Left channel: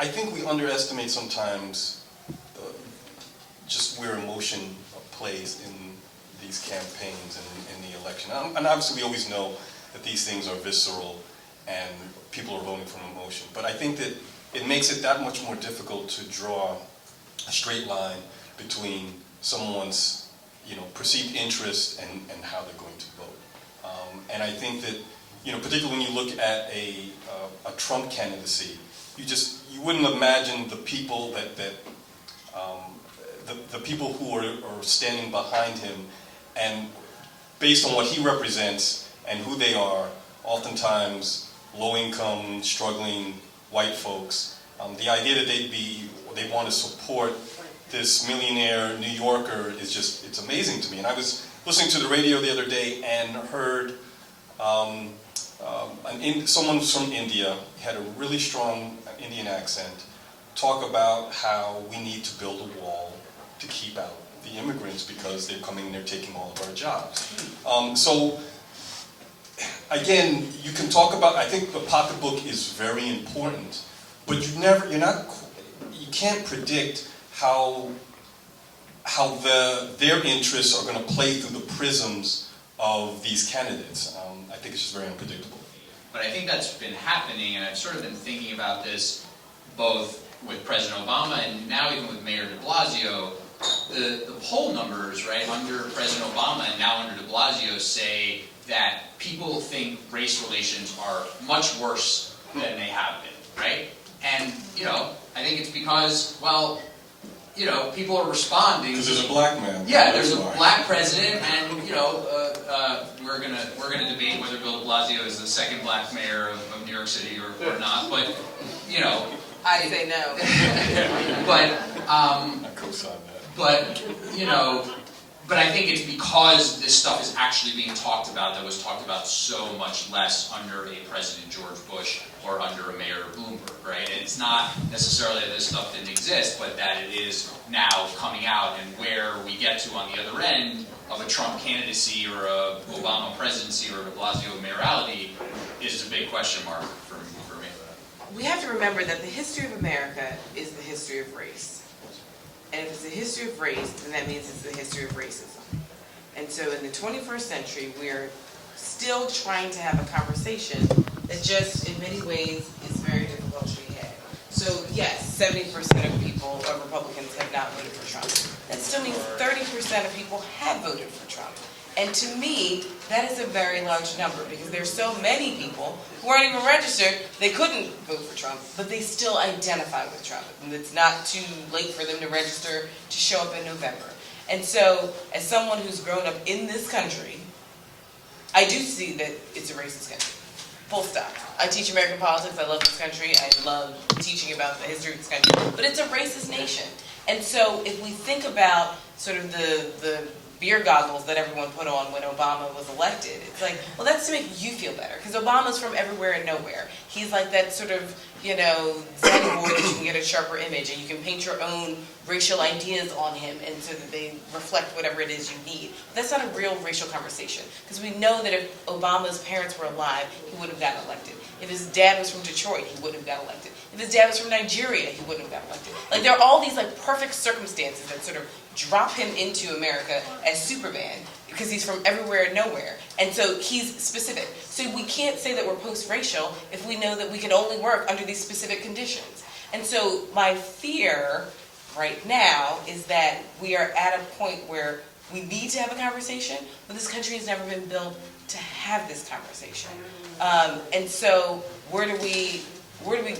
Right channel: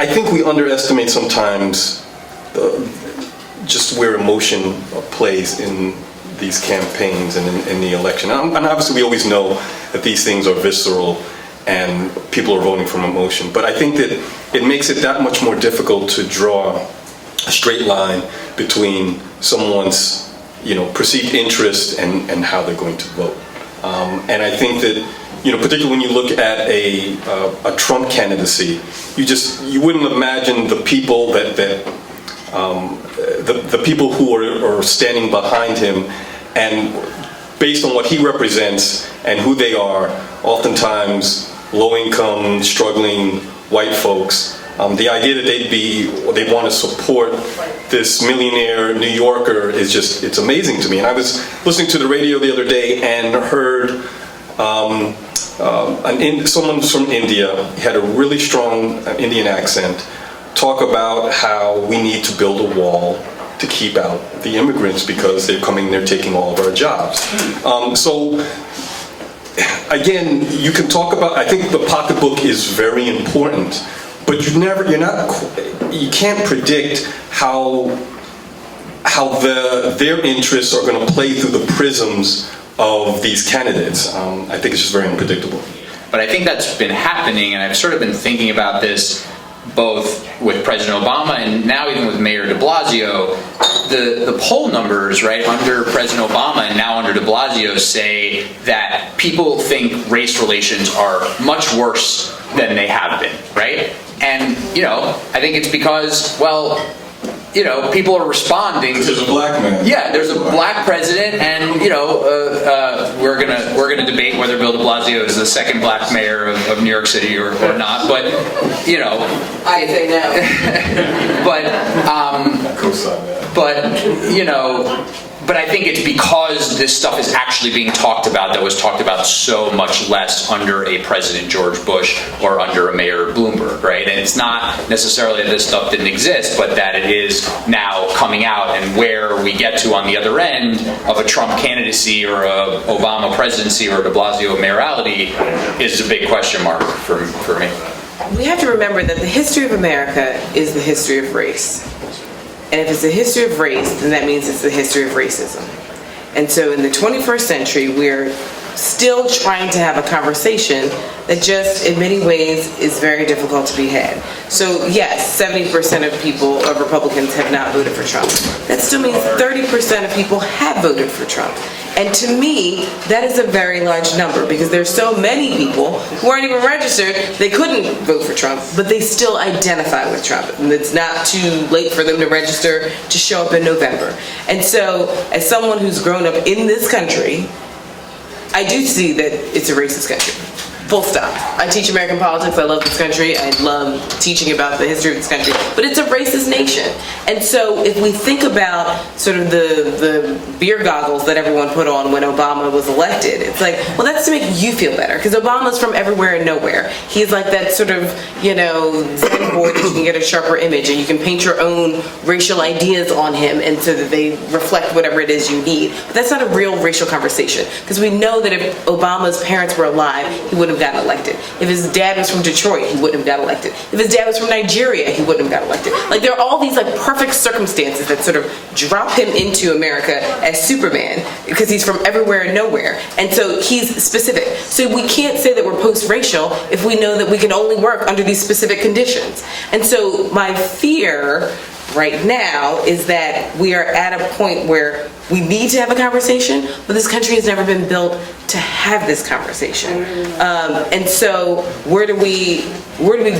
I think we underestimate sometimes just where emotion plays in these campaigns and in the election. And obviously we always know that these things are visceral and people are voting from emotion. But I think that it makes it that much more difficult to draw a straight line between someone's, perceived interest and how they're going to vote. And I think that, particularly when you look at a Trump candidacy, you wouldn't imagine the people the people who are standing behind him, and based on what he represents and who they are, oftentimes low-income, struggling white folks. The idea that they want to support this millionaire New Yorker it's amazing to me. And I was listening to the radio the other day and heard someone from India, he had a really strong Indian accent, talk about how we need to build a wall to keep out the immigrants because they're taking all of our jobs. So again, you can talk about, I think the pocketbook is very important, but you can't predict how their interests are going to play through the prisms of these candidates. I think it's just very unpredictable. But I think that's been happening, and I've sort of been thinking about this both with President Obama and now even with Mayor de Blasio. The poll numbers, right, under President Obama and now under de Blasio say that people think race relations are much worse than they have been, right? And, I think it's because, people are responding to a black man. Yeah, there's a black president, and we're gonna debate whether Bill de Blasio is the second black mayor of New York City or not. But I say no. But I think it's because this stuff is actually being talked about that was talked about so much less under a President George Bush or under a Mayor Bloomberg, right? And it's not necessarily that this stuff didn't exist, but that it is now coming out, and where we get to on the other end of a Trump candidacy or a Obama presidency or a de Blasio mayoralty is a big question mark for me. We have to remember that the history of America is the history of race. And if it's a history of race, then that means it's the history of racism. And so in the 21st century, we're still trying to have a conversation that just, in many ways, is very difficult to be had. So yes, 70% of Republicans have not voted for Trump. That still means 30% of people have voted for Trump. And to me, that is a very large number, because there's so many people who aren't even registered, they couldn't vote for Trump, but they still identify with Trump. And it's not too late for them to register to show up in November. And so, as someone who's grown up in this country, I do see that it's a racist country. Full stop. I teach American politics. I love this country. I love teaching about the history of this country. But it's a racist nation. And so if we think about sort of the beer goggles that everyone put on when Obama was elected, it's like, well, that's to make you feel better. Because Obama's from everywhere and nowhere. He's like that sort of, Zen board that you can get a sharper image, and you can paint your own racial ideas on him, and so that they reflect whatever it is you need. But that's not a real racial conversation. Because we know that if Obama's parents were alive, he would have gotten elected. If his dad was from Detroit, he wouldn't have got elected. If his dad was from Nigeria, he wouldn't have got elected. Like, there are all these perfect circumstances that sort of drop him into America as Superman, because he's from everywhere and nowhere. And so he's specific. So we can't say that we're post-racial if we know that we can only work under these specific conditions. And so my fear right now is that we are at a point where we need to have a conversation, but this country has never been built to have this conversation. And so where do we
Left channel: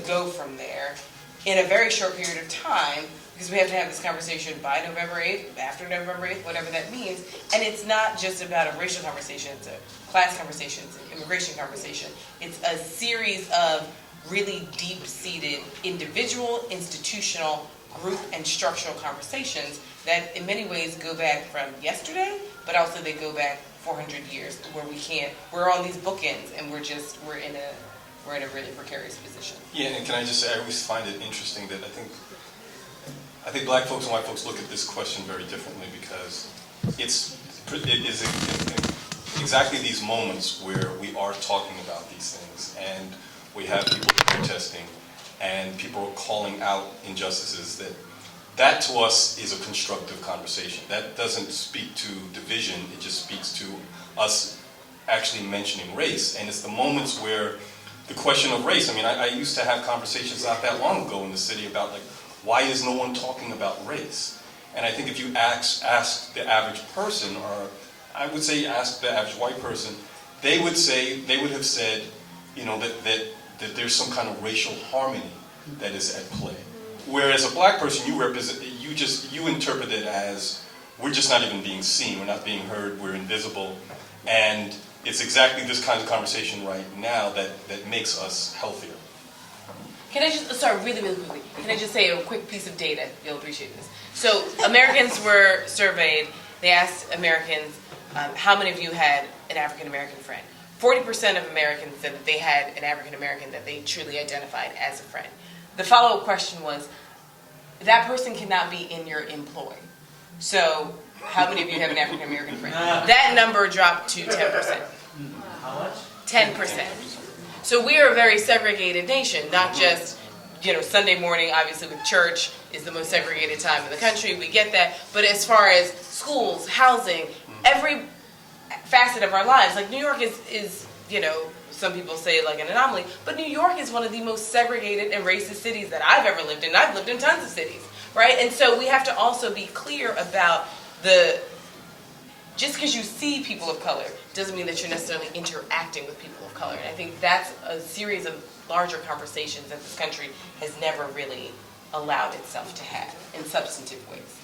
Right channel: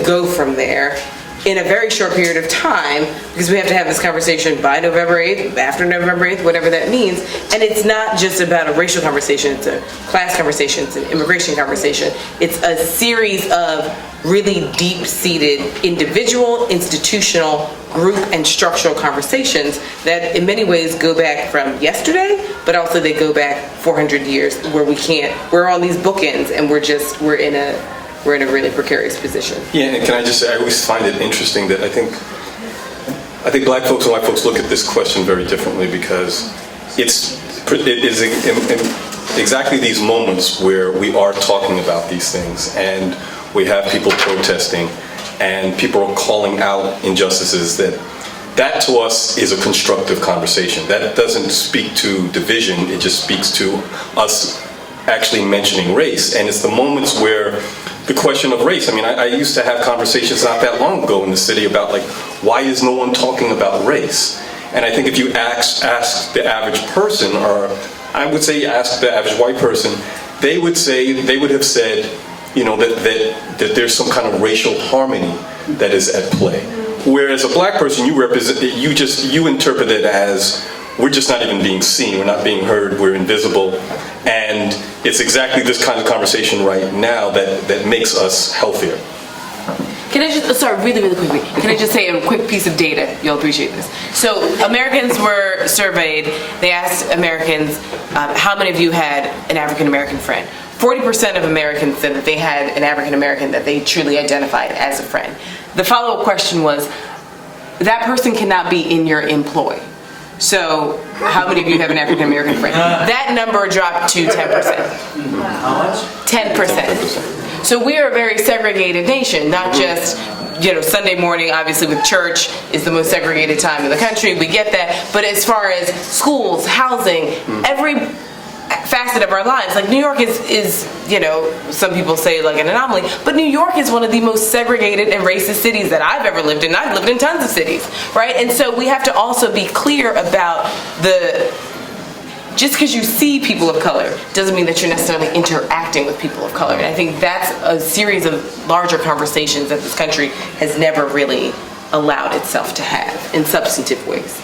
go from there in a very short period of time, because we have to have this conversation by November 8th, after November 8th, whatever that means. And it's not just about a racial conversation, it's a class conversation, it's an immigration conversation. It's a series of really deep-seated individual, institutional, group, and structural conversations that in many ways go back from yesterday, but also they go back 400 years where we're on these bookends, and we're in a really precarious position. Yeah, and can I just say, I always find it interesting that I think black folks and white folks look at this question very differently, because it is in exactly these moments where we are talking about these things, and we have people protesting, and people are calling out injustices, that to us is a constructive conversation. That doesn't speak to division, it just speaks to us actually mentioning race. And it's the moments where the question of race, I mean, I used to have conversations not that long ago in the city about, like, why is no one talking about race? And I think if you ask the average person, or I would say ask the average white person, they would have said, you know, that there's some kind of racial harmony that is at play. Whereas a black person, you interpret it as, we're just not even being seen, we're not being heard, we're invisible. And it's exactly this kind of conversation right now that makes us healthier. Can I just, sorry, really, really quickly, can I just say a quick piece of data? You'll appreciate this. So Americans were surveyed. They asked Americans, how many of you had an African-American friend? 40% of Americans said that they had an African-American that they truly identified as a friend. The follow-up question was, that person cannot be in your employ. So how many of you have an African-American friend? That number dropped to 10%. How much? 10%. So we are a very segregated nation, not just, you know, Sunday morning, obviously with church is the most segregated time in the country, we get that, but as far as schools, housing, every facet of our lives, like New York is, you know, some people say like an anomaly, but New York is one of the most segregated and racist cities that I've ever lived in. I've lived in tons of cities, right? And so we have to also be clear about just because you see people of color doesn't mean that you're necessarily interacting with people of color. And I think that's a series of larger conversations that this country has never really allowed itself to have in substantive ways.